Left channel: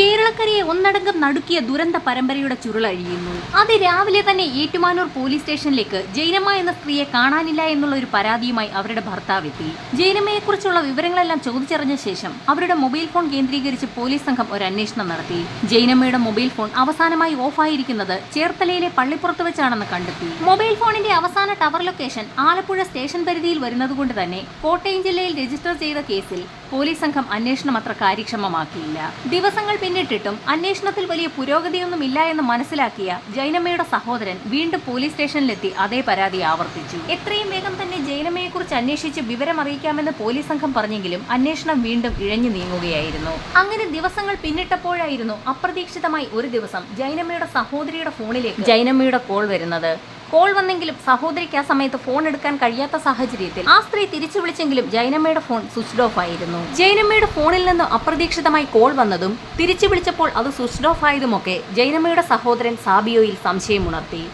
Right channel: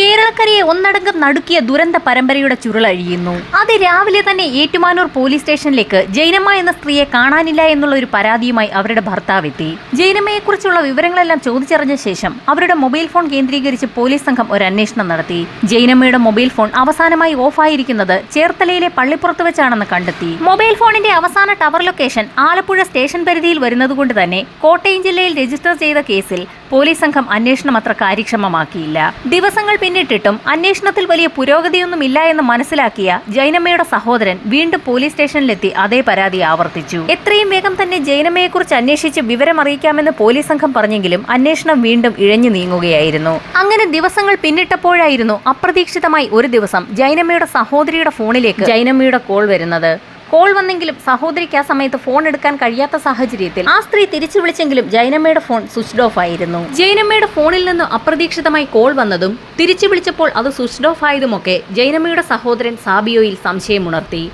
കേരളക്കരയെ ഒന്നടങ്കം നടുക്കിയ ദുരന്ത പരമ്പരയുടെ ചുരുളഴിയുന്നു അത് രാവിലെ തന്നെ ഏറ്റുമാനൂർ പോലീസ് സ്റ്റേഷനിലേക്ക് ജൈനമ്മ എന്ന സ്ത്രീയെ കാണാനില്ല എന്നുള്ള ഒരു പരാതിയുമായി അവരുടെ ഭർത്താവ് എത്തി ജൈനമ്മയെക്കുറിച്ചുള്ള വിവരങ്ങളെല്ലാം ചോദിച്ചറിഞ്ഞ ശേഷം അവരുടെ മൊബൈൽ ഫോൺ കേന്ദ്രീകരിച്ച് പോലീസ് സംഘം ഒരു അന്വേഷണം നടത്തി. ജൈനമ്മയുടെ മൊബൈൽ ഫോൺ അവസാനമായി ഓഫായിരിക്കുന്നത് ചേർത്തലയിലെ പള്ളിപ്പുറത്ത് വെച്ചാണെന്ന് കണ്ടെത്തി. മൊബൈൽ ഫോണിന്റെ അവസാന ടവർ ലൊക്കേഷൻ ആലപ്പുഴ സ്റ്റേഷൻ പരിധിയിൽ വരുന്നതുകൊണ്ട് തന്നെ കോട്ടയം ജില്ലയിൽ രജിസ്റ്റർ ചെയ്ത കേസിൽ പോലീസ് സംഘം അന്വേഷണം അത്ര കാര്യക്ഷമമാക്കിയില്ല. ദിവസങ്ങൾ പിന്നിട്ടിട്ടും അന്വേഷണത്തിൽ വലിയ പുരോഗതിയൊന്നും ഇല്ല എന്ന് മനസ്സിലാക്കിയ ജൈനമ്മയുടെ സഹോദരൻ വീണ്ടും പോലീസ് സ്റ്റേഷനിലെത്തി അതേ പരാതി ആവർത്തിച്ചു. എത്രയും വേഗം തന്നെ ജൈനമ്മയെക്കുറിച്ച് അന്വേഷിച്ച് വിവരം അറിയിക്കാമെന്ന് പോലീസ് സംഘം പറഞ്ഞെങ്കിലും അന്വേഷണം വീണ്ടും ഇഴഞ്ഞു നീങ്ങുകയായിരുന്നു. അങ്ങനെ ദിവസങ്ങൾ പിന്നിട്ടപ്പോഴായിരുന്നു അപ്രതീക്ഷിതമായി ഒരു ദിവസം ജൈനമ്മയുടെ സഹോദരിയുടെ ഫോണിലേക്ക് ജൈനമ്മയുടെ കോൾ വരുന്നത്. കോൾ വന്നെങ്കിലും സഹോദരിക്ക് ആ സമയത്ത് ഫോൺ എടുക്കാൻ കഴിയാത്ത സാഹചര്യത്തിൽ ആ സ്ത്രീ തിരിച്ചു വിളിച്ചെങ്കിലും ജൈനമ്മയുടെ ഫോൺ സ്വിച്ച്ഡ് ഓഫ് ആയിരുന്നു. ജൈനമ്മയുടെ ഫോണിൽ നിന്ന് അപ്രതീക്ഷിതമായി കോൾ വന്നതും തിരിച്ചു വിളിച്ചപ്പോൾ അത് സ്വിച്ച്ഡ് ഓഫ് ആയതുമൊക്കെ ജൈനമ്മയുടെ സഹോദരൻ സാബിയോയിൽ സംശയമുണർത്തി.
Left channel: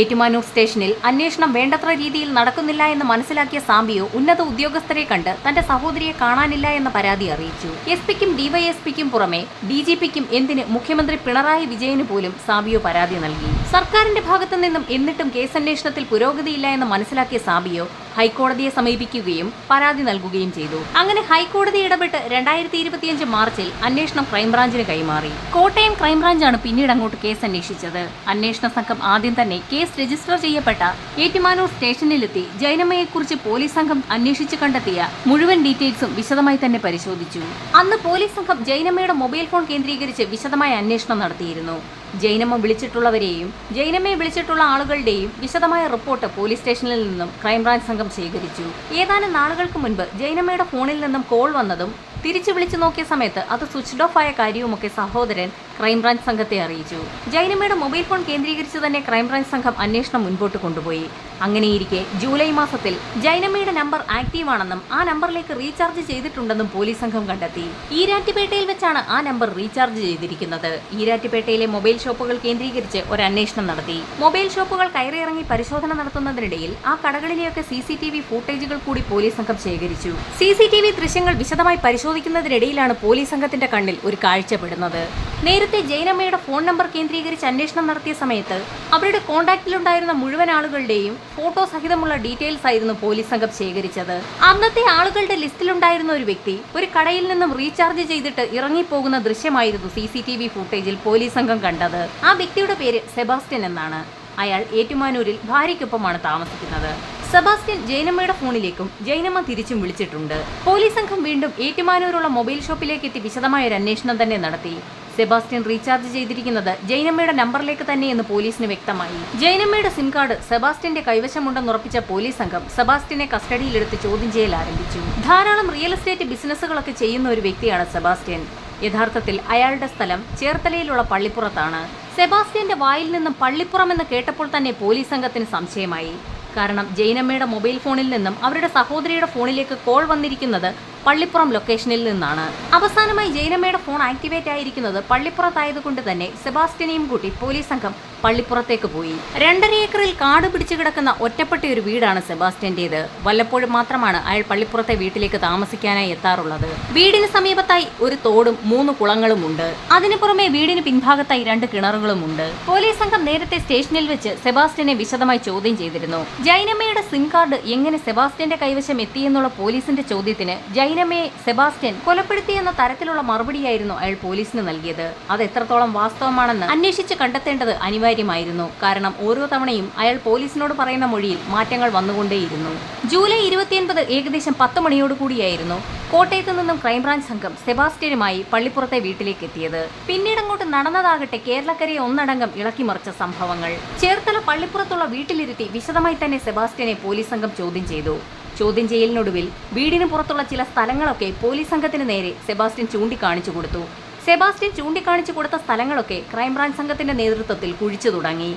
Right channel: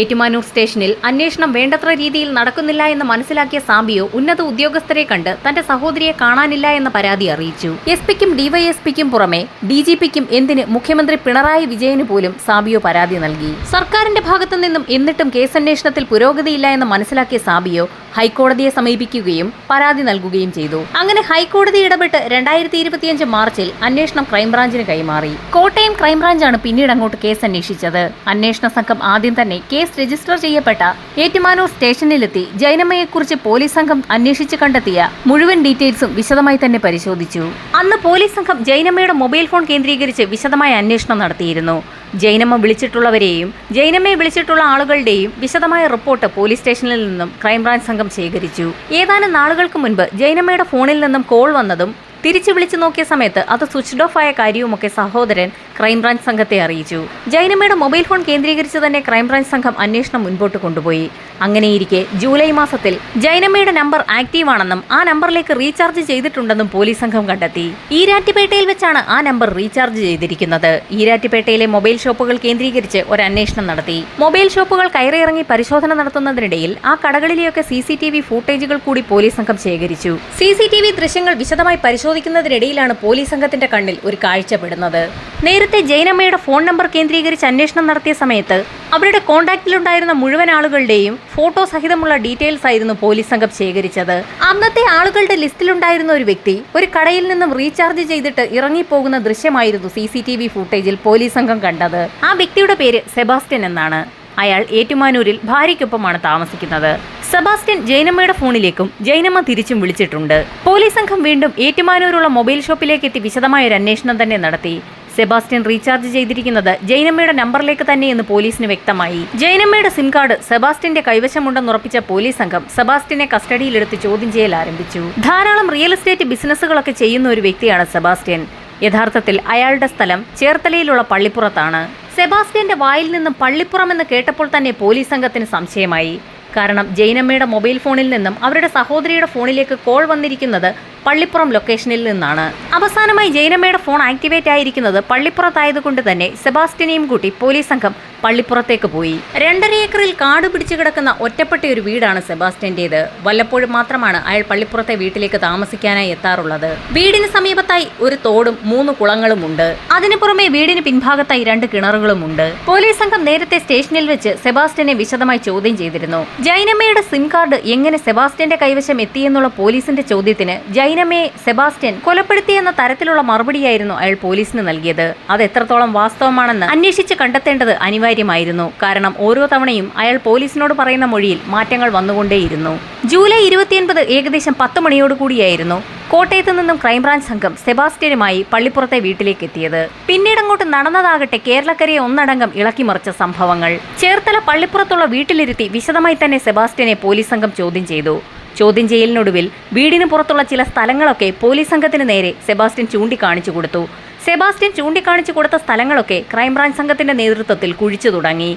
ഏറ്റുമാനൂർ സ്റ്റേഷനിൽ അന്വേഷണം വേണ്ടത്ര രീതിയിൽ നടക്കുന്നില്ല എന്ന് മനസ്സിലാക്കിയ സാബിയോ ഉന്നത ഉദ്യോഗസ്ഥരെ കണ്ട് തന്റെ സഹോദരിയെ കാണാനില്ല എന്ന പരാതി അറിയിച്ചു. എസ് പിക്കും ഡിവൈഎസ്പിക്കും പുറമെ ഡി ജി പിക്കും എന്തിന് മുഖ്യമന്ത്രി പിണറായി വിജയന് പോലും സാബിയോ പരാതി നൽകി? സർക്കാരിന്റെ ഭാഗത്തു നിന്നും എന്നിട്ടും കേസന്വേഷണത്തിൽ പുരോഗതിയില്ല എന്ന് മനസ്സിലാക്കിയ സാബിയോ ഹൈക്കോടതിയെ സമീപിക്കുകയും പരാതി നൽകുകയും ചെയ്തു. അങ്ങനെ ഹൈക്കോടതി ഇടപെട്ട് രണ്ടായിരത്തി ഇരുപത്തിയഞ്ച് മാർച്ചിൽ അന്വേഷണം ക്രൈംബ്രാഞ്ചിന് കൈമാറി. കോട്ടയം ക്രൈംബ്രാഞ്ചാണ് പിന്നീട് അങ്ങോട്ട് കേസ് അന്വേഷിച്ചത് അന്വേഷണ സംഘം ആദ്യം തന്നെ കേസ് രജിസ്റ്റർ ചെയ്യപ്പെട്ട ഏറ്റുമാനൂർ സ്റ്റേഷനിലെത്തി ജൈനമ്മയെക്കുറിച്ച് പോലീസ് സംഘം അന്വേഷിച്ച് കണ്ടെത്തിയ മുഴുവൻ ഡീറ്റെയിൽസും വിശദമായി തന്നെ പരിശോധിച്ചു. അന്ന് പോലീസ് സംഘം ജൈനമ്മയുടെ മൊബൈൽ ഫോൺ കേന്ദ്രീകരിച്ച് വിശദമായ അന്വേഷണം നടത്തിയിരുന്നു. ജൈനമ്മ വിളിച്ചിട്ടുള്ളവരെയും ജൈനമ്മയെ വിളിച്ചിട്ടുള്ള ആളുകളുടെയും വിശദമായ റിപ്പോർട്ട് പോലീസ് സ്റ്റേഷനിൽ നിന്നും ക്രൈംബ്രാഞ്ച് സംഘം ശേഖരിച്ചു. ഏതാനും നാളുകൾക്ക് മുൻപ് ജൈനമ്മയുടെ ഫോണിൽ നിന്നും കോൾ വന്നതും തിരിച്ചു വിളിച്ചു നോക്കിയ സമയത്ത് അത് സ്വിച്ച്ഡ് ഓഫ് ആയ കാര്യവുമൊക്കെ സഹോദരൻ ക്രൈംബ്രാഞ്ച് സംഘത്തെ അറിയിച്ചു. ജൈനമ്മയുടെ മൊബൈൽ ഫോൺ കേന്ദ്രീകരിച്ച് തന്നെ ക്രൈംബ്രാഞ്ച് സംഘം അന്വേഷണം മുൻപോട്ട് കൊണ്ടുപോയി. അങ്ങനെയിരിക്കെ ജൂലൈ മാസത്തിൽ ജൈനമ്മയുടെ നമ്പർ ആക്റ്റീവ് ആണെന്നും ആ നമ്പറിലേക്ക് റീചാർജ് ചെയ്തിട്ടുണ്ടെന്നും പോലീസ് സംഘം കണ്ടെത്തി. ഈരാറ്റുപേട്ടയിൽ വെച്ചാണ് ആ നമ്പർ റീചാർജ് ചെയ്തിരിക്കുന്നത്. ഈരാറ്റുപേട്ടയിലെ മൊബൈൽ ഷോപ്പുകൾ കേന്ദ്രീകരിച്ച് ഒരു അന്വേഷണം നടത്തി. മൊബൈൽ ഷോപ്പുകൾ കയറിയിറങ്ങി പരിശോധന നടത്തുന്നതിനിടയിൽ ആ കടകളിലെയൊക്കെ സി സി ടി വി ഫൂട്ടേജുകൾ കൂടി പോലീസ് സംഘം ശേഖരിച്ചു. സി സി ടി വി ദൃശ്യങ്ങൾ വിശദമായി പരിശോധിക്കുന്നതിനിടയിലാണ് പോലീസ് സംഘത്തിന്റെ കണ്ണിൽ ഒരു കാഴ്ചപ്പെടുന്നത് നേരത്തെ ജയനമ്മയുടെ ഫോൺ നമ്പർ കേന്ദ്രീകരിച്ച് അന്വേഷണം നടത്തിയ സമയത്ത് അവരുടെ കോണ്ടാക്ടിലുണ്ടായിരുന്ന മുഴുവൻ ആളുകളുടെയും ഫോട്ടോ സഹിതമുള്ള ഡീറ്റെയിൽസ് ആയിരുന്നു പോലീസ് സംഘം ശേഖരിച്ചത്. അന്നത്തെ ആളുകളുടെ ലിസ്റ്റിലുണ്ടായിരുന്ന ഒരു വ്യക്തി ഒരു കടയിൽ നിന്നും റീചാർജ് ചെയ്തിട്ട് ഇറങ്ങിപ്പോകുന്ന ദൃശ്യമായിരുന്നു സി സി ടി വി ഫുട്ടേജിൽ പോലീസ് സംഘം കണ്ടത്. ആ വ്യക്തിയുടെ പേര് സെബാസ്റ്റ്യൻ എന്നാണ്. അയാൾ ഏറ്റുമാനൂരിൽ ഭാര്യയ്ക്കൊപ്പമാണ് താമസിക്കുന്നത്. സെബാസ്റ്റ്യൻ ജൈനമ്മയുടെ ഫോണിലേക്കും ജൈനമ്മ തിരിച്ചും വിളിച്ചിട്ടുണ്ട്. പോലീസ് സംഘം വീണ്ടും ഏറ്റുമാനൂരുള്ള മൊബൈൽ ഷോപ്പിലേക്ക് എത്തി വിശദമായ ഒരു അന്വേഷണം തന്നെ നടത്തി. സെബാസ്റ്റ്യൻ റീചാർജ് ചെയ്തിരിക്കുന്നത് ജൈനമ്മയുടെ നമ്പറിലേക്ക് തന്നെയെന്ന് പോലീസിന് വ്യക്തമായി. ജൈനമ്മയുടെ സിം കാർഡ് സെബാസ്റ്റ്യന്റെ കൈവശമുണ്ടെന്നുറപ്പിച്ച പോലീസ് സംഘം സെബാസ്റ്റ്യനെ കസ്റ്റഡിയിലെടുത്ത് ചോദ്യം ചെയ്യൽ ആരംഭിച്ചു. ധാരാളം റിയൽ എസ്റ്റേറ്റ് ബിസിനസ്സുകളൊക്കെ ചെയ്യുന്ന ഒരു വ്യക്തിയാണ് സെബാസ്റ്റ്യൻ. യഥാർത്ഥത്തിൽ അയാളുടെ സ്ഥലം ചേർത്തലയിലുള്ള പള്ളിപ്പുറത്താണ്. സെബാസ്റ്റ്യന്റെ വായിൽ നിന്നും പള്ളിപ്പുറം എന്ന് കേട്ടപ്പോൾ തന്നെ പോലീസ് സംഘത്തിന് സംശയമായി. കാരണം ജൈനമ്മയുടെ മൊബൈൽ ഫോണിൽ നിന്നും അവരുടെ സഹോദരിയുടെ ഫോണിലേക്ക് കോൾ വന്നിരിക്കുന്നത് പള്ളിപ്പുറം ലൊക്കേഷനിൽ നിന്നാണ്. അവസാനമായി ജൈനമ്മയുടെ ഫോൺ ആക്ടിവേറ്റ് ആയിരിക്കുന്നത് പള്ളിപ്പുറത്തായതുകൊണ്ട് തന്നെ സെബാസ്റ്റിനെയും കൂട്ടി പോലീസ് സംഘം പള്ളിപ്പുറത്തേക്ക് പോയി. രണ്ടര ഏക്കറിൽ കാട് പിടിച്ചു കിടക്കുന്ന ഒറ്റപ്പെട്ട ഒരു വീടാണ് സെബാസ്റ്റ്യന്റേത് വല്ലപ്പോഴും മാത്രമാണ് അയാൾ പള്ളിപ്പുറത്തെ വീട്ടിലേക്ക് താമസിക്കാനായി എത്താറുള്ളത്. വീടിന് സമീപത്തായി ഒരു തോടും മൂന്ന് കുളങ്ങളും ഉണ്ട്. അതിനു പുറമെ വീടിന് പിൻഭാഗത്തായി രണ്ട് കിണറുകളും ഉണ്ട്. പോലീസ് സംഘം നേരത്തെ സ്റ്റേഷനിൽ വെച്ച് സെബാസ്റ്റ്യനെ വിശദമായി ചോദ്യം ചെയ്തിരുന്നു. ജൈനമ്മയുടെ സിം കാർഡ് എങ്ങനെ സെബാസ്റ്റ്യന്റെ കൈവശം എത്തിയെന്നുള്ള പോലീസിന്റെ ചോദ്യത്തിന് ജൈനമ്മയെ സെബാസ്റ്റ്യൻ കൊലപ്പെടുത്തിയെന്ന തരത്തിലുള്ള മറുപടിയായിരുന്നു അയാൾ പോലീസിന് നൽകിയത്. അത് എത്രത്തോളം വാസ്തവമാണെന്ന് അന്വേഷിച്ച് കണ്ടെത്തേണ്ടത് അനിവാര്യമായിരുന്നു. കാരണം ഓരോ തവണയും അയാൾ പോലീസിനോട് പറയുന്ന മൊഴിയിൽ മാറ്റങ്ങൾ വന്നുകൊണ്ടേയിരുന്നു. ജൂലൈ ഇരുപത്തിയൊൻപത് ഏകദേശം പത്ത് മണിയോടുകൂടിയായിരുന്നു കോട്ടയത്ത് നിന്നും ക്രൈംബ്രാഞ്ച് സംഘം സെബാസ്റ്റ്യനുമായി പള്ളിപ്പുറത്തെ വീട്ടിലേക്ക് എത്തിയത് പിന്നീട് അങ്ങോട്ട് നടന്നതാകട്ടെ കേരളക്കരയെ ഒന്നടങ്കം ഇളക്കിമറിച്ച സംഭവങ്ങൾ. ചേർത്തല പള്ളിപ്പുറത്തുള്ള വീട്ടിലിരുത്തി വിശദമായി തന്നെ സെബാസ്റ്റ്യനെ പോലീസ് സംഘം ചോദ്യം ചെയ്തു. ചോദ്യം ചെയ്യലിനൊടുവിൽ വീടിന് പുറത്തുള്ള ചില സ്ഥലങ്ങളൊക്കെ പോലീസ് സംഘത്തിന് നേരെ സെബാസ്റ്റ്യൻ ചൂണ്ടിക്കാണിച്ചു കൊടുത്തു. സെബാസ്റ്റ്യൻ ചൂണ്ടിക്കാണിച്ചു കൊടുത്ത സ്ഥലങ്ങളൊക്കെ ക്രൈംബ്രാഞ്ച് സംഘത്തിന്റെ നേതൃത്വത്തിൽ കുഴിച്ചു തുടങ്ങി.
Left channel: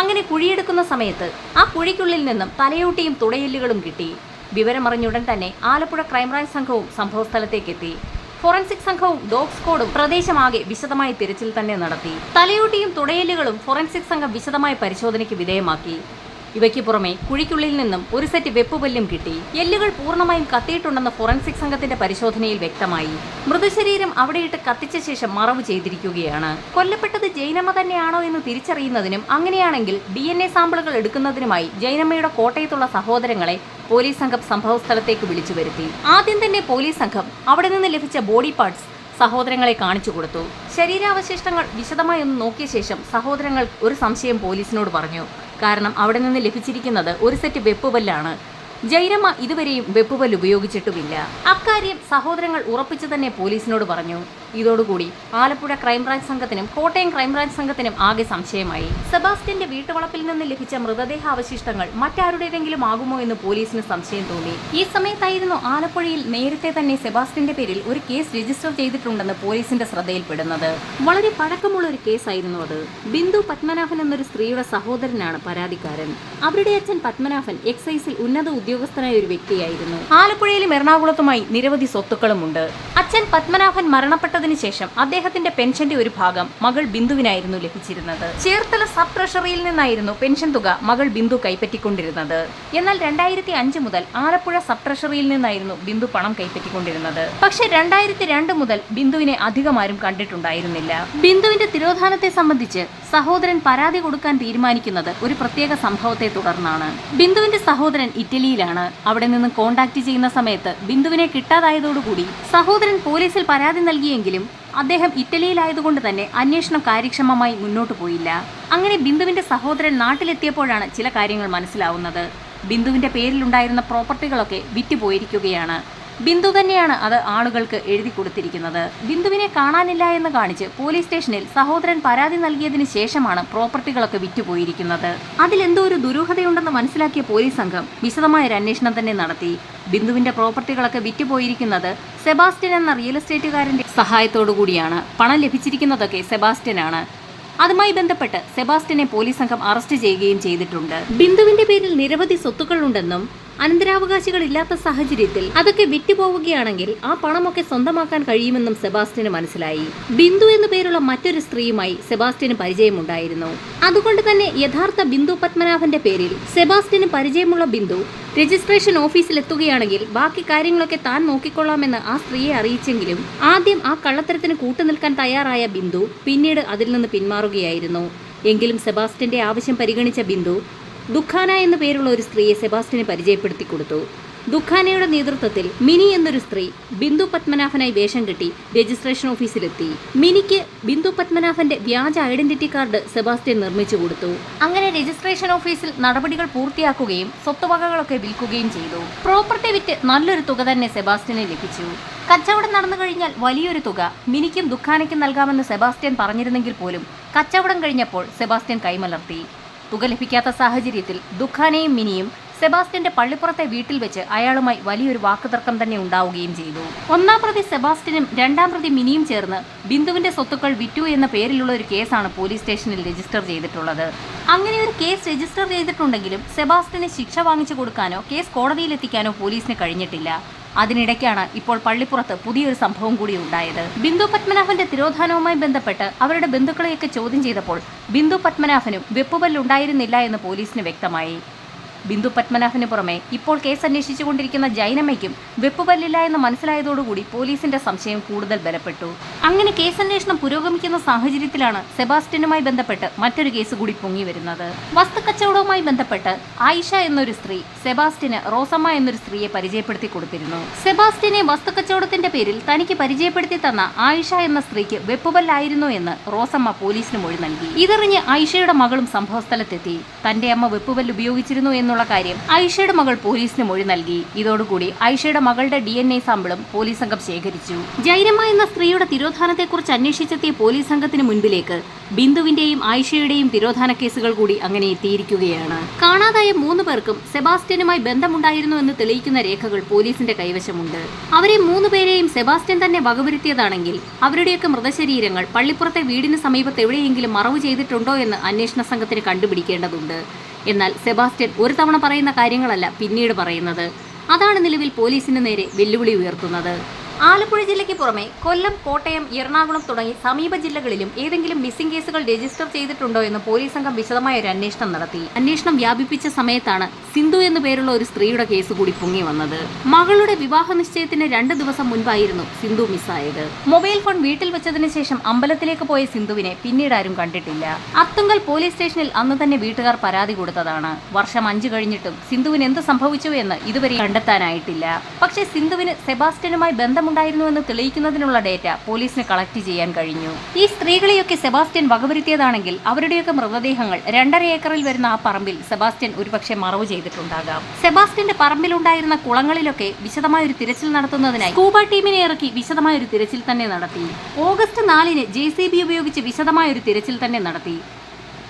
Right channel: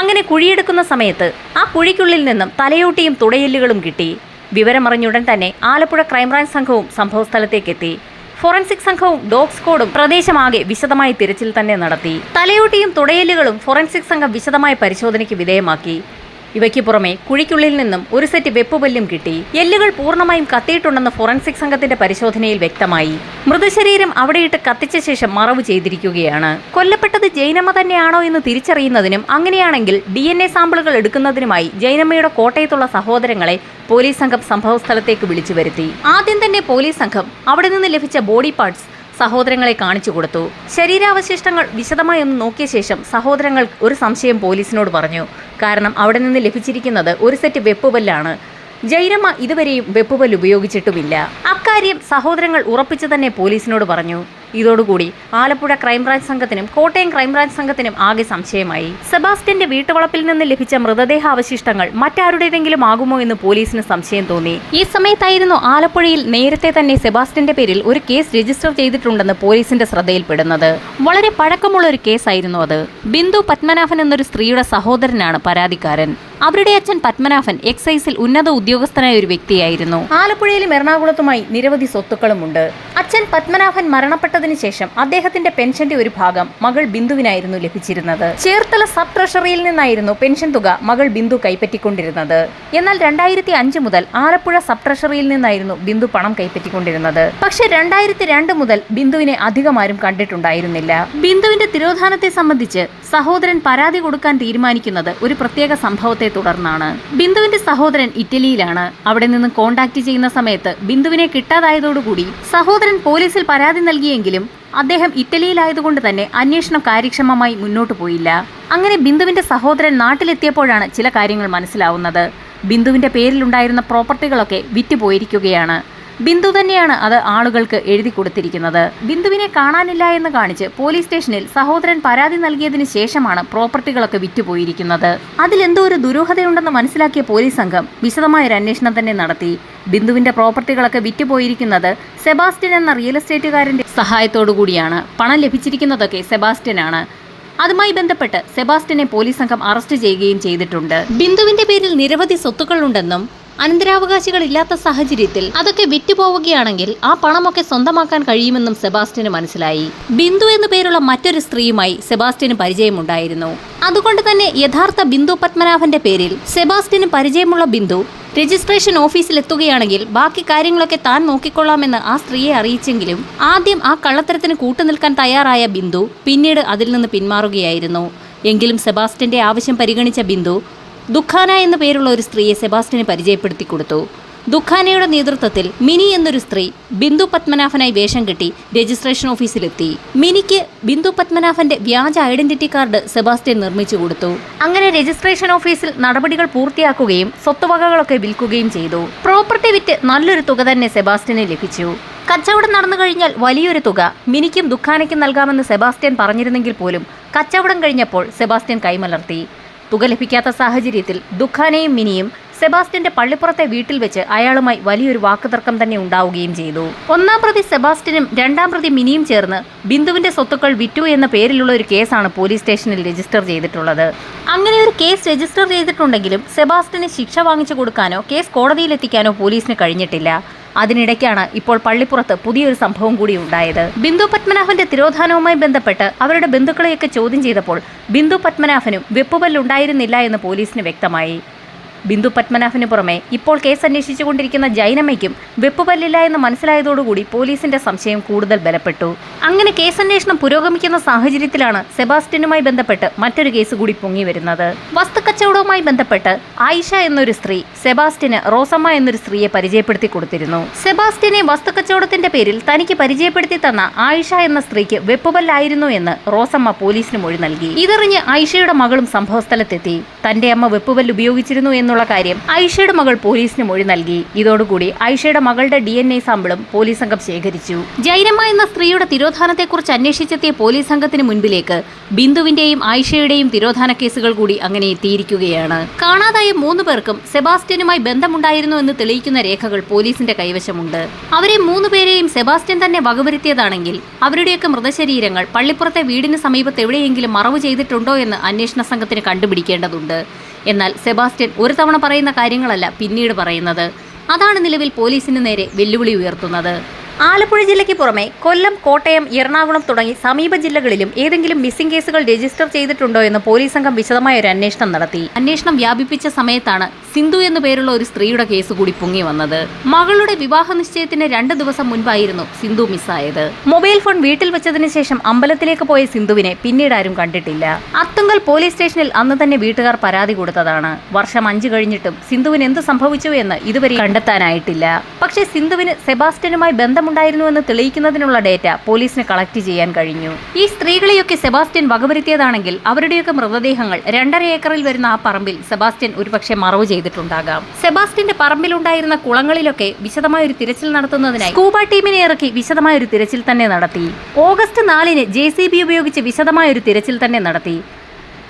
അങ്ങനെ കുഴിയെടുക്കുന്ന സമയത്ത് ആ കുഴിക്കുള്ളിൽ നിന്നും തലയോട്ടിയും തുടയെല്ലുകളും കിട്ടി. വിവരമറിഞ്ഞുടൻ തന്നെ ആലപ്പുഴ ക്രൈംബ്രാഞ്ച് സംഘവും സംഭവസ്ഥലത്തേക്കെത്തി. ഫോറൻസിക് സംഘവും ഡോഗ് സ്ക്വാഡും പ്രദേശമാകെ വിശദമായി തിരച്ചിൽ തന്നെ നടത്തി. തലയോട്ടിയും തുടയലുകളും ഫോറൻസിക് സംഘം വിശദമായ പരിശോധനയ്ക്ക് വിധേയമാക്കി. ഇവയ്ക്ക് പുറമെ കുഴിക്കുള്ളിൽ നിന്നും ഒരു സെറ്റ് വെപ്പുപല്ലും കിട്ടി. എല്ലുകൾ പൂർണമായും കത്തിയിട്ടുണ്ടെന്ന് ഫോറൻസിക് സംഘത്തിന്റെ പരിശോധനയിൽ വ്യക്തമായി. മൃതശരീരം അവിടെയിട്ട് കത്തിച്ച ശേഷം മറവ് ചെയ്തിരിക്കുകയാണ്. കൊല്ലപ്പെട്ടത് ജൈനമ്മ തന്നെയാണോ എന്ന് തിരിച്ചറിയുന്നതിനും അങ്ങനെയാണെങ്കിൽ ഡി എൻ എ സാമ്പിളുകൾ എടുക്കുന്നതിനുമായി ജൈനമ്മയുടെ കോട്ടയത്തുള്ള സഹോദരങ്ങളെ പോലീസ് സംഘം സംഭവസ്ഥലത്തേക്ക് വിളിച്ചു വരുത്തി. ആദ്യം തന്നെ പോലീസ് സംഘം അവിടെ നിന്ന് ലഭിച്ച ബോഡി പാർട്സ് സഹോദരങ്ങളെ കാണിച്ചു കൊടുത്തു. ശരീരാവശിഷ്ടങ്ങൾ വിശദമായി ഒന്ന് നോക്കിയ ശേഷം സഹോദരങ്ങൾ ഒരു സംശയം പോലീസിനോട് പറഞ്ഞു. കാരണം അവിടെ നിന്ന് ലഭിച്ചിരിക്കുന്നത് ഒരു സെറ്റ് വെപ്പുപല്ലാണ്. ജൈരമ്മ ഇതുവരെയും വെപ്പുപല്ല് ഉപയോഗിച്ചിട്ടുമില്ല. അക്കാര്യം സഹോദരങ്ങൾ ഉറപ്പിച്ചു തന്നെ പോലീസിനോട് പറഞ്ഞു. ഇതോടുകൂടി ആലപ്പുഴ ക്രൈംബ്രാഞ്ച് സംഘത്തിനും കോട്ടയം ക്രൈംബ്രാഞ്ച് സംഘത്തിനും ആകെ സംശയമായി. സെബാസ്റ്റ്യന്റെ വീട്ടുവളപ്പിൽ നിന്ന് ലഭിച്ച മൃതദേഹ അവശിഷ്ടങ്ങൾ മറ്റാരുടേതെങ്കിലും ആകുമോ എന്ന് പോലീസിന് സംശയം തോന്നി. ഈ സമയത്തായിരുന്നു ആലപ്പുഴയിൽ നേരത്തെ തന്നെ സെബാസ്റ്റ്യന്റെ പേരിൽ ഒരു കേസ് രജിസ്റ്റർ ചെയ്തിട്ടുണ്ടെന്ന് പോലീസിന്റെ ശ്രദ്ധയിൽപ്പെടുന്നത്. വളരെ പഴക്കമുള്ള ഒരു കേസായിരുന്നു അത്. ബിന്ദു പത്മനാഭൻ എന്നൊരു സ്ത്രീയുടെ സഹോദരനാണ് പരാതിക്കാരൻ. അവരുടെ അച്ഛൻ പത്മനാഭൻ എക്സൈസിൽ ഉന്നത ഉദ്യോഗസ്ഥനായ ഒരു വ്യക്തിയായിരുന്നു. ആലപ്പുഴയിലും എറണാകുളത്തുമായി നിരവധി സ്വത്തുക്കളുമുണ്ട്. അച്ഛൻ പത്മനാഭൻ മരണപ്പെട്ടതിന് ശേഷം അദ്ദേഹത്തിന്റെ പെൻഷന്റെ ഒരു ഭാഗം മകൾ ബിന്ദുവിനായിരുന്നു ലഭിച്ചിരുന്നത്. ചേർത്തല സബ് ട്രഷറിയിൽ നിന്നായിരുന്നു പെൻഷൻ തുക മകൾ ബിന്ദു കൈപ്പറ്റിക്കൊണ്ടിരുന്നത്. എന്നാൽ രണ്ടായിരത്തി അഞ്ച് മുതൽ ആലപ്പുഴ സബ് ട്രഷറിയിൽ നിന്നായിരുന്നു ബിന്ദു പണം കൈപ്പറ്റിക്കൊണ്ടിരുന്നത്. പക്ഷേ രണ്ടായിരത്തി രണ്ട് മുതൽ ബിന്ദുവിനെ അധികം ആരും കണ്ടിട്ടുണ്ടായിരുന്നില്ല. ബിന്ദുവിന്റെ തിരോധാനത്തെ സംബന്ധിച്ച് സഹോദരൻ പരാതി കൊടുക്കാൻ തീരുമാനിക്കുന്നത് ഒരു പ്രത്യേക സംഭവത്തെ തുടർന്നാണ്. ബിന്ദുവിന്റെ സഹോദരൻ ഇറ്റലിയിലാണ്. അവിടെ നിന്ന് കോണ്ടാക്ട് ചെയ്യുന്ന സമയത്ത് ബിന്ദുവിനെ കിട്ടാതായതോടുകൂടി സഹോദരൻ പോലീസിൽ പരാതി നൽകിയെങ്കിലും അദ്ദേഹം ഇറ്റലിയിലായതുകൊണ്ട് തന്നെ അന്വേഷണം കാര്യക്ഷമമായി മുന്നോട്ടു പോയില്ല. അങ്ങനെ ബിന്ദുവിന്റെ സഹോദരൻ നാട്ടിലെത്തിയപ്പോഴാണ് ചില കാര്യങ്ങൾ മനസ്സിലാവുന്നത്. ബിന്ദുവിന്റെ പേരിലുണ്ടായിരുന്ന പ്രോപ്പർട്ടികളൊക്കെ വിറ്റുപോയിരിക്കുകയാണ്. ബിന്ദു തന്നെയാണ് അത് ആളുകൾക്ക് എഴുതി കൊടുത്തിരിക്കുന്നത്. ബിന്ദുവിനെ കാണാനില്ല എന്ന് കാണിച്ച് പോലീസ് സ്റ്റേഷനിൽ സഹോദരൻ പരാതി നൽകിയതിനു ശേഷമാണ് പ്രോപ്പർട്ടികളൊക്കെ വിറ്റുപോയിരിക്കുന്നത്. അതിലെന്തോ ഒരു ദുരൂഹതയുണ്ടെന്ന് മനസ്സിലാക്കിയ പോലീസ് സംഘം വിശദമായ ഒരു അന്വേഷണം തന്നെ നടത്തി. ബിന്ദുവിന്റെ പ്രോപ്പർട്ടികളൊക്കെ വിറ്റുപോയിരിക്കുന്നത് സെബാസ്റ്റ്യൻ എന്ന റിയൽ എസ്റ്റേറ്റുകാരന്റെ സഹായത്തോടു കൂടിയാണ് പണം ലഭിച്ചിരിക്കുന്നതൊക്കെ സെബാസ്റ്റ്യനാണ്. അതുമായി ബന്ധപ്പെട്ട് സെബാസ്റ്റ്യനെ പോലീസ് സംഘം അറസ്റ്റ് ചെയ്യുകയും ചെയ്തിട്ടുണ്ട്. ബിന്ദുവിന്റെ പേരിൽ നിരവധി സ്വത്തുക്കളുണ്ടെന്നും അനന്തരാവകാശികൾ ഇല്ലാത്ത സാഹചര്യത്തിൽ അതൊക്കെ വിറ്റുപോവുകയാണെങ്കിൽ ആ പണമൊക്കെ സ്വന്തമാക്കാൻ കഴിയുമെന്നും സെബാസ്റ്റ്യന് മനസ്സിലായി. ബിന്ദു എന്നു പേരുള്ള മറ്റൊരു സ്ത്രീയുമായി സെബാസ്റ്റ്യന് പരിചയമുണ്ടായിരുന്നു. അതുകൊണ്ട് തന്നെ യഥാർത്ഥ ബിന്ദു പത്മനാഭന്റെ പേരിൽ സെബാസ്റ്റ്യന് പരിചയമുള്ള ബിന്ദു രജിസ്ട്രേഷൻ ഓഫീസിൽ എത്തുകയാണെങ്കിൽ ബാക്കി കാര്യങ്ങളൊക്കെ താൻ നോക്കിക്കൊള്ളാമെന്ന് ആ സ്ത്രീയെ അറിയിച്ചെങ്കിലും ആദ്യം ആ കള്ളത്തരത്തിന് കൂട്ടുനിൽക്കാൻ തയ്യാറായ ബിന്ദു പിന്നീട് അതിൽ നിന്ന് പിന്മാറുകയായിരുന്നു. എങ്കിലും സെബാസ്റ്റ്യന്റെ ആവശ്യം പരിഗണിച്ച ബിന്ദു ദുഃഖാന എന്ന പേരുള്ള ഒരു സ്ത്രീയെ സെബാസ്റ്റിന് പരിചയപ്പെടുത്തി കൊടുത്തു. ദുഃഖാനയുടെ നേതൃത്വത്തിൽ മിനി എന്നൊരു സ്ത്രീ ബിന്ദു പത്മനാഭനായി വേഷം കെട്ടി രജിസ്ട്രേഷൻ ഓഫീസിലെത്തി. മിനിക്ക് ബിന്ദു പത്മനാഭന്റെ വ്യാജ ഐഡന്റിറ്റി കാർഡ് സെബാസ്റ്റ്യൻ നിർമ്മിച്ചു കൊടുത്തു. അങ്ങനെ രജിസ്ട്രേഷൻ ഓഫീസിൽ നടപടികൾ പൂർത്തിയാക്കുകയും സ്വത്തുവകകളൊക്കെ വിൽക്കുകയും ചെയ്തു. പ്രോപ്പർട്ടി വിറ്റ് നല്ലൊരു തുക തന്നെ സെബാസ്റ്റ്യന് ലഭിച്ചു. കച്ചവടം നടന്നു കഴിഞ്ഞാൽ വലിയൊരു തുക മിനിക്കും ദുഃഖാനയ്ക്കും നൽകാമെന്ന് സെബാസ്റ്റ്യൻ പറഞ്ഞിരുന്നെങ്കിൽ പോലും കച്ചവടം കഴിഞ്ഞപ്പോൾ സെബാസ്റ്റ്യൻ കൈമലർത്തി. തുക ലഭിക്കാത്ത സാഹചര്യത്തിൽ ദുഃഖാനയും മിനിയും സെബാസ്റ്റ്യന്റെ പള്ളിപ്പുറത്തെ വീട്ടിൽ വെച്ച് അയാളുമായി വലിയൊരു വാക്കുതർക്കം തന്നെ ഉണ്ടാവുകയും ചെയ്തു. ഒന്നാം പ്രതി സെബാസ്റ്റ്യനും രണ്ടാം പ്രതി മിനിയും ചേർന്ന് ബിന്ദുവിന്റെ സ്വത്തുക്കൾ വിറ്റു എന്ന പേരിലുള്ള ഒരു കേസാണ് പോലീസ് സ്റ്റേഷനിൽ രജിസ്റ്റർ ചെയ്തിട്ടുള്ളത്. അങ്ങനെ ഒരു കേസ് രജിസ്റ്റർ ചെയ്തിട്ടുണ്ടെങ്കിലും സെബാസ്റ്റ്യന് ശിക്ഷ വാങ്ങിച്ചു കൊടുക്കാനോ കേസ് കോടതിയിലെത്തിക്കാനോ പോലീസിന് കഴിഞ്ഞിട്ടില്ല. അതിനിടയ്ക്കാണ് ഇപ്പോൾ പള്ളിപ്പുറത്ത് പുതിയൊരു സംഭവം കൂടി ഉണ്ടായത്. ബിന്ദു പത്മനാഭന്റെ തിരോധാനവുമായി ബന്ധപ്പെട്ട് അവരുടെ ബന്ധുക്കളെയൊക്കെ ചോദ്യം ചെയ്തപ്പോൾ ബിന്ദു പത്മനാഭനും വെപ്പുപല്ലുണ്ടായിരുന്നില്ല എന്ന് പോലീസിന് വ്യക്തമായി. ബിന്ദു പത്മനാഭന് പുറമെ. ഇപ്പോൾ കേസ് അന്വേഷിച്ചുകൊണ്ടിരിക്കുന്ന ജൈനമ്മയ്ക്കും വെപ്പുപല്ലില്ല എന്ന് മനസ്സിലായതോടുകൂടി പോലീസിന്റെ സംശയം കൂടുതൽ ബലപ്പെട്ടു. അങ്ങനെ കേസന്വേഷണം പുരോഗമിക്കുന്ന സാഹചര്യത്തിലാണ് സെബാസ്റ്റ്യനുമായി ബന്ധപ്പെട്ട് മറ്റൊരു കേസ് കൂടി പൊങ്ങി വരുന്നത്. വസ്തുക്കച്ചവടവുമായി ബന്ധപ്പെട്ട് ആയിഷ എന്നൊരു സ്ത്രീ സെബാസ്റ്റ്യന് റോസമ്മ എന്നൊരു സ്ത്രീയെ പരിചയപ്പെടുത്തി കൊടുത്തിരുന്നു. സെബാസ്റ്റ്യനെ വസ്തുക്കച്ചവടത്തിന്റെ പേരിൽ തനിക്ക് പരിചയപ്പെടുത്തി തന്ന ആയിഷ എന്ന സ്ത്രീക്ക് വെപ്പുപല്ലായിരുന്നു എന്ന് റോസമ്മ പോലീസിന് മൊഴി നൽകി. ഇതറിഞ്ഞ് ആയിഷയുടെ മകളും സംഭവസ്ഥലത്തെത്തി. തന്റെ അമ്മ വെപ്പുപല്ല് ഉപയോഗിച്ചിരുന്നു എന്നുള്ള കാര്യം ഐഷയുടെ മകൾ പോലീസിന് മൊഴി നൽകി. ഇതോടുകൂടി ഐഷയുടെ മകളുടെ ഡി എൻ എ സാമ്പിളും പോലീസ് സംഘം ശേഖരിച്ചു. ജൈനമ്മ എന്ന സ്ത്രീയുടെ തിരോധാനത്തെക്കുറിച്ച് അന്വേഷിച്ചെത്തിയ പോലീസ് സംഘത്തിന് മുൻപിലേക്ക് ബിന്ദുവിന്റെയും ആയിഷയുടെയും തിരോധാന കേസുകൾ കൂടി അങ്ങനെ എത്തിയിരിക്കുകയാണ്. കാണാതായ മൂന്ന് പേർക്കും സെബാസ്റ്റ്യനുമായി ബന്ധമുണ്ടായിരുന്നു എന്ന് തെളിയിക്കുന്ന രേഖകൾ പോലീസിന്റെ കൈവശമുണ്ട്. അവരെ മൂന്ന് പേരെയും സെബാസ്റ്റ്യൻ തന്നെ വകവരുത്തിയതാണെങ്കിൽ അവരുടെയൊക്കെ മൃതശരീരങ്ങൾ പള്ളിപ്പുറത്തെ വീടിന് സമീപത്ത് എവിടെയെങ്കിലും മറവ് ചെയ്തിട്ടുണ്ടോ എന്ന് അന്വേഷണ സംഘത്തിന് കണ്ടുപിടിക്കേണ്ടതുണ്ട്. എന്നാൽ സെബാസ്റ്റ്യൻ ഒരു തവണ പറയുന്ന കാര്യങ്ങളല്ല പിന്നീട് പറയുന്നത്. അതാണ് നിലവിൽ പോലീസിന് നേരെ വെല്ലുവിളി ഉയർത്തുന്നത്. ആലപ്പുഴ ജില്ലയ്ക്ക് പുറമെ കൊല്ലം കോട്ടയം എറണാകുളം തുടങ്ങി സമീപ ജില്ലകളിലും ഏതെങ്കിലും മിസ്സിംഗ് കേസുകൾ രജിസ്റ്റർ ചെയ്തിട്ടുണ്ടോ എന്ന് പോലീസ് സംഘം വിശദമായ ഒരു അന്വേഷണം നടത്തി. അന്വേഷണം വ്യാപിപ്പിച്ച സമയത്താണ് സിന്ധു എന്നു പേരുള്ള ഒരു സ്ത്രീയുടെ കേസ് കൂടി പൊങ്ങി വന്നത്. മകളുടെ വിവാഹ നിശ്ചയത്തിന് രണ്ട് ദിവസം മുൻപായിരുന്നു സിന്ധു മിസ്സായത് മൊബൈൽ ഫോൺ വീട്ടിൽ വെച്ചതിന് ശേഷം അമ്പലത്തിലേക്ക് പോയ സിന്ധുവിനെ പിന്നീട് ആരും കണ്ടിട്ടില്ല. അത്തുങ്കൽ പോലീസ് സ്റ്റേഷനിൽ അന്ന് തന്നെ വീട്ടുകാർ പരാതി കൊടുത്തതാണ്. വർഷം അഞ്ചു കഴിഞ്ഞിട്ടും സിന്ധുവിന് എന്ത് സംഭവിച്ചു എന്ന് ഇതുവരെ കണ്ടെത്താനായിട്ടില്ല. പക്ഷേ സിന്ധുവിന് സെബാസ്റ്റ്യനുമായി ബന്ധമുണ്ടായിരുന്നുവെന്ന് തെളിയിക്കുന്നതിനുള്ള ഡേറ്റ പോലീസിന് കളക്ട് ചെയ്യാൻ കഴിഞ്ഞു. ഈ സ്ത്രീകളെയൊക്കെ സെബാസ്റ്റ്യൻ വകവരുത്തിയതാണെങ്കിൽ അവരുടെയൊക്കെ മൃതദേഹങ്ങൾ രണ്ടര ഏക്കറിൽ വരുന്ന ആ പറമ്പിൽ സെബാസ്റ്റ്യൻ ഒരുപക്ഷെ മറവ് ചെയ്തിട്ടുണ്ടാകാം. സെബാസ്റ്റ്യന്റെ പറമ്പിലുണ്ടായിരുന്ന കുളങ്ങളിലൊക്കെ വിശദമായ ഒരു തിരച്ചിൽ നടത്തുന്നതിനായി സ്കൂബ ടീമിനെ ഇറക്കി വിശദമായ ഒരു തിരച്ചിൽ തന്നെ നടത്തി. ഓഗസ്റ്റ് നാലിന് ജെ ഉപയോഗിച്ച് വിശദമായ ഒരു തിരച്ചിൽ തന്നെ നടത്തി.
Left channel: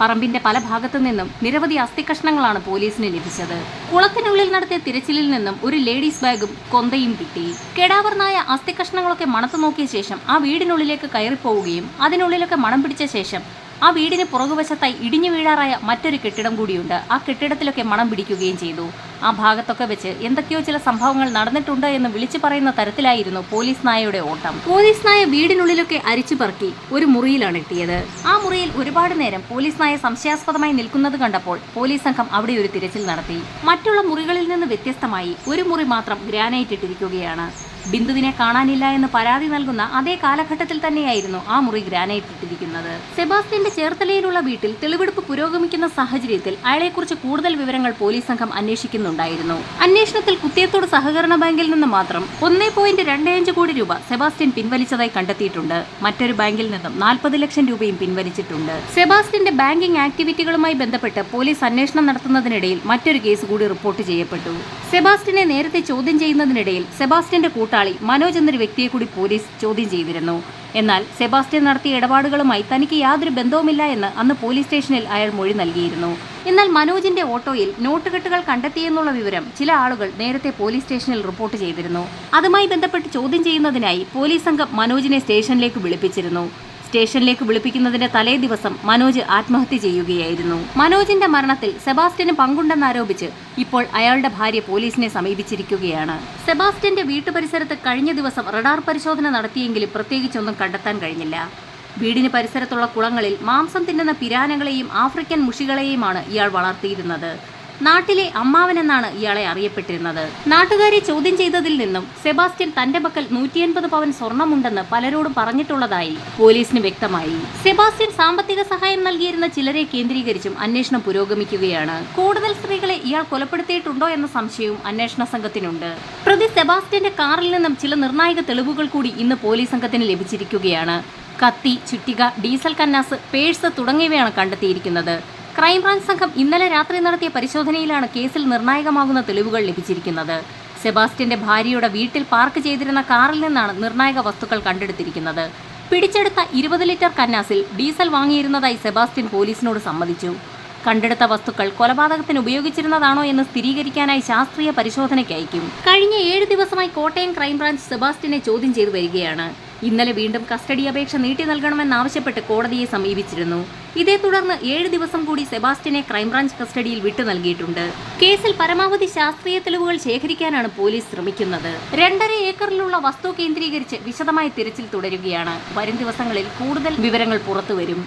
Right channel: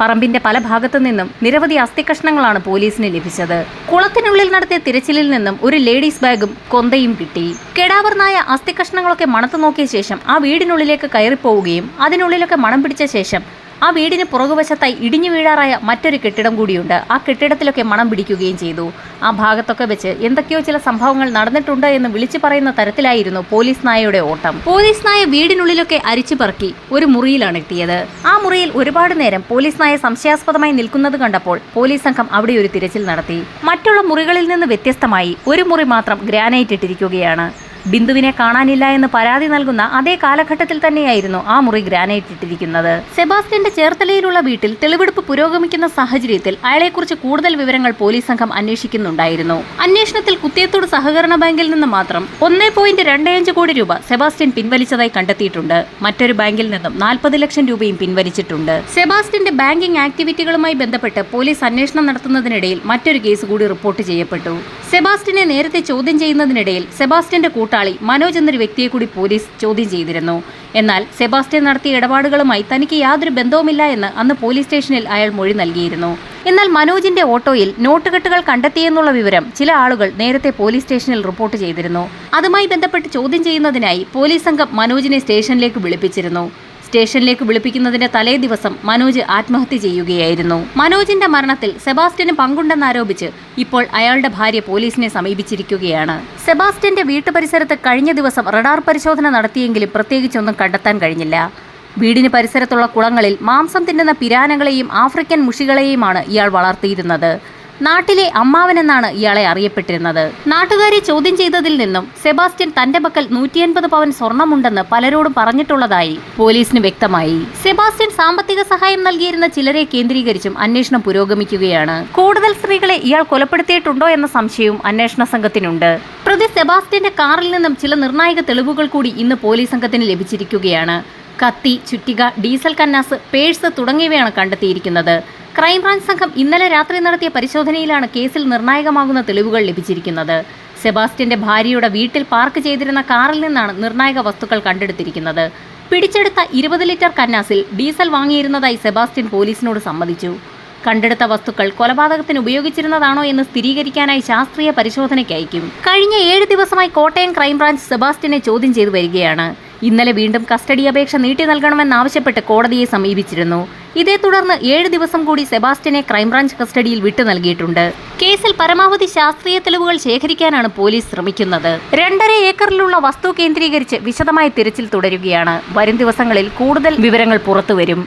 പറമ്പിന്റെ പല ഭാഗത്തു നിന്നും നിരവധി അസ്ഥികഷ്ണങ്ങളാണ് പോലീസിന് ലഭിച്ചത്. കുളത്തിനുള്ളിൽ നടത്തിയ തിരച്ചിലിൽ നിന്നും ഒരു ലേഡീസ് ബാഗും കൊന്തയും കിട്ടി. കെടാവർന്നായ അസ്ഥികഷ്ണങ്ങളൊക്കെ മണത്തു നോക്കിയ ശേഷം ആ വീടിനുള്ളിലേക്ക് കയറിപ്പോവുകയും അതിനുള്ളിലൊക്കെ മണം പിടിച്ച ശേഷം ആ വീടിന് പുറകുവശത്തായി ഇടിഞ്ഞു വീഴാറായ മറ്റൊരു കെട്ടിടം കൂടിയുണ്ട്. ആ കെട്ടിടത്തിലൊക്കെ മണം പിടിക്കുകയും ചെയ്തു. ആ ഭാഗത്തൊക്കെ വെച്ച് എന്തൊക്കെയോ ചില സംഭവങ്ങൾ നടന്നിട്ടുണ്ട് എന്ന് വിളിച്ചു പറയുന്ന തരത്തിലായിരുന്നു പോലീസ് നായയുടെ ഓട്ടം. പോലീസ് നായ വീടിനുള്ളിലൊക്കെ അരിച്ചു പറക്കി ഒരു മുറിയിലാണ് എത്തിയത് ആ മുറിയിൽ ഒരുപാട് നേരം പോലീസ് നായ സംശയാസ്പദമായി നിൽക്കുന്നത് കണ്ടപ്പോൾ പോലീസ് സംഘം അവിടെ ഒരു തിരച്ചിൽ നടത്തി. മറ്റുള്ള മുറികളിൽ നിന്ന് വ്യത്യസ്തമായി ഒരു മുറി മാത്രം ഗ്രാനൈറ്റ് ഇട്ടിരിക്കുകയാണ്. ബിന്ദുവിനെ കാണാനില്ല എന്ന് പരാതി നൽകുന്ന അതേ കാലഘട്ടത്തിൽ തന്നെയായിരുന്നു ആ മുറി ഗ്രാനൈറ്റ് ഇട്ടിരിക്കുന്നത്. സെബാസ്റ്റ്യന്റെ ചേർത്തലയിലുള്ള വീട്ടിൽ തെളിവെടുപ്പ് പുരോഗമിക്കുന്ന സാഹചര്യത്തിൽ അയാളെക്കുറിച്ച് കൂടുതൽ വിവരങ്ങൾ പോലീസ് സംഘം അന്വേഷിക്കുന്നുണ്ടായിരുന്നു. അന്വേഷണത്തിൽ കുത്തിയത്തോട് സഹകരണ ബാങ്കിൽ നിന്ന് മാത്രം ഒന്നേ പോയിന്റ് രണ്ട് അഞ്ച് കോടി രൂപ സെബാസ്റ്റ്യൻ പിൻവലിച്ചതായി കണ്ടെത്തിയിട്ടുണ്ട്. മറ്റൊരു ബാങ്കിൽ നിന്നും നാൽപ്പത് ലക്ഷം രൂപയും പിൻവലിച്ചിട്ടുണ്ട്. സെബാസ്റ്റ്യന്റെ ബാങ്കിംഗ് ആക്ടിവിറ്റികളുമായി ബന്ധപ്പെട്ട് പോലീസ് അന്വേഷണം നടത്തുന്നതിനിടയിൽ മറ്റൊരു കേസ് കൂടി റിപ്പോർട്ട് ചെയ്യപ്പെട്ടു. സെബാസ്റ്റ്യനെ നേരത്തെ ചോദ്യം ചെയ്യുന്നതിനിടയിൽ സെബാസ്റ്റ്യന്റെ കൂട്ടാളി മനോജ് എന്നൊരു വ്യക്തിയെ കൂടി പോലീസ് ചോദ്യം ചെയ്തിരുന്നു. എന്നാൽ സെബാസ്റ്റ്യൻ നടത്തിയ ഇടപാടുകളുമായി തനിക്ക് യാതൊരു ബന്ധവുമില്ല എന്ന് അന്ന് പോലീസ് സ്റ്റേഷനിൽ അയാൾ മൊഴി നൽകിയിരുന്നു. എന്നാൽ മനോജിന്റെ ഓട്ടോയിൽ നോട്ടുകെട്ടുകൾ കണ്ടെത്തിയെന്നുള്ള വിവരം ചില ആളുകൾ നേരത്തെ പോലീസ് സ്റ്റേഷനിൽ റിപ്പോർട്ട് ചെയ്തിരുന്നു. അതുമായി ബന്ധപ്പെട്ട് ചോദ്യം ചെയ്യുന്നതിനായി പോലീസ് സംഘം മനോജിനെ സ്റ്റേഷനിലേക്ക് വിളിപ്പിച്ചിരുന്നു. സ്റ്റേഷനിലേക്ക് വിളിപ്പിക്കുന്നതിന്റെ തലേ ദിവസം മനോജ് ആത്മഹത്യ ചെയ്യുകയായിരുന്നു. മനോജിന്റെ മരണത്തിൽ സെബാസ്റ്റ്യന് പങ്കുണ്ടെന്നാരോപിച്ച് ഇപ്പോൾ അയാളുടെ ഭാര്യ പോലീസിനെ സമീപിച്ചിരിക്കുകയാണ്. സെബാസ്റ്റ്യന്റെ വീട്ടുപരിസരത്ത് കഴിഞ്ഞ ദിവസം റഡാർ പരിശോധന നടത്തിയെങ്കിലും പ്രത്യേകിച്ചൊന്നും കണ്ടെത്താൻ കഴിഞ്ഞില്ല. വീടിന് പരിസരത്തുള്ള കുളങ്ങളിൽ മാംസം തിന്നുന്ന പിരാനകളെയും ആഫ്രിക്കൻ മുഷികളെയുമാണ് ഇയാൾ വളർത്തിയിരുന്നത്. നാട്ടിലെ അമ്മാവനെന്നാണ് ഇയാളെ അറിയപ്പെട്ടിരുന്നത്. നാട്ടുകാരെ ചോദ്യം ചെയ്തതിൽ നിന്നും സെബാസ്റ്റ്യൻ തന്റെ പക്കൽ നൂറ്റിയൻപത് പവൻ സ്വർണമുണ്ടെന്ന് പലരോടും പറഞ്ഞിട്ടുള്ളതായി പോലീസിന് വ്യക്തമായി. സെബാസ്റ്റ്യൻ സാമ്പത്തിക സഹായം നൽകിയിരുന്ന ചിലരെ കേന്ദ്രീകരിച്ചും അന്വേഷണം പുരോഗമിക്കുകയാണ്. കൂടുതൽ സ്ത്രീകളെ ഇയാൾ കൊലപ്പെടുത്തിയിട്ടുണ്ടോ എന്ന സംശയവും അന്വേഷണ സംഘത്തിനുണ്ട്. പ്രതി സെബാസ്റ്റ്യന്റെ കാറിൽ നിന്നും ചില നിർണായക തെളിവുകൾ കൂടി ഇന്ന് പോലീസ് സംഘത്തിന് ലഭിച്ചിരിക്കുകയാണ്. കത്തി ചുറ്റിക ഡീസൽ കന്നാസ് പേഴ്സ് തുടങ്ങിയവയാണ് കണ്ടെത്തിയിരിക്കുന്നത്. ക്രൈംബ്രാഞ്ച് സംഘം ഇന്നലെ രാത്രി നടത്തിയ പരിശോധനയിലാണ് കേസിൽ നിർണായകമാകുന്ന തെളിവുകൾ ലഭിച്ചിരിക്കുന്നത്. സെബാസ്റ്റ്യന്റെ ഭാര്യയുടെ വീട്ടിൽ പാർക്ക് ചെയ്തിരുന്ന കാറിൽ നിന്നാണ് നിർണായക വസ്തുക്കൾ കണ്ടെടുത്തിരിക്കുന്നത്. പിടിച്ചെടുത്ത ഇരുപത് ലിറ്റർ കന്നാസിൽ ഡീസൽ വാങ്ങിയിരുന്നതായി സെബാസ്റ്റ്യൻ പോലീസിനോട് സമ്മതിച്ചു. കണ്ടെടുത്ത വസ്തുക്കൾ കൊലപാതകത്തിന് ഉപയോഗിച്ചിരുന്നതാണോ എന്ന് സ്ഥിരീകരിക്കാനായി ശാസ്ത്രീയ പരിശോധനയ്ക്ക് അയക്കും കഴിഞ്ഞ ഏഴ് ദിവസമായി കോട്ടയം ക്രൈംബ്രാഞ്ച് സെബാസ്റ്റ്യനെ ചോദ്യം ചെയ്തു വരികയാണ്. ഇന്നലെ വീണ്ടും കസ്റ്റഡി അപേക്ഷ നീട്ടി നൽകണമെന്നാവശ്യപ്പെട്ട് കോടതിയെ സമീപിച്ചിരുന്നു. ഇതേ തുടർന്ന് ഏഴ് ദിവസം കൂടി സെബാസ്റ്റ്യനെ ക്രൈംബ്രാഞ്ച് കസ്റ്റഡിയിൽ വിട്ടു നൽകിയിട്ടുണ്ട്. കേസിൽ പരമാവധി ശാസ്ത്രീയ തെളിവുകൾ ശേഖരിക്കാനാണ് പോലീസ് ശ്രമിക്കുന്നത്. രണ്ടര ഏക്കറിലുള്ള വസ്തു കേന്ദ്രീകരിച്ച് വിശദമായ തിരച്ചിൽ തുടരുകയാണ്. വരും ദിവസങ്ങളിൽ കൂടുതൽ വിവരങ്ങൾ പുറത്തുവരും.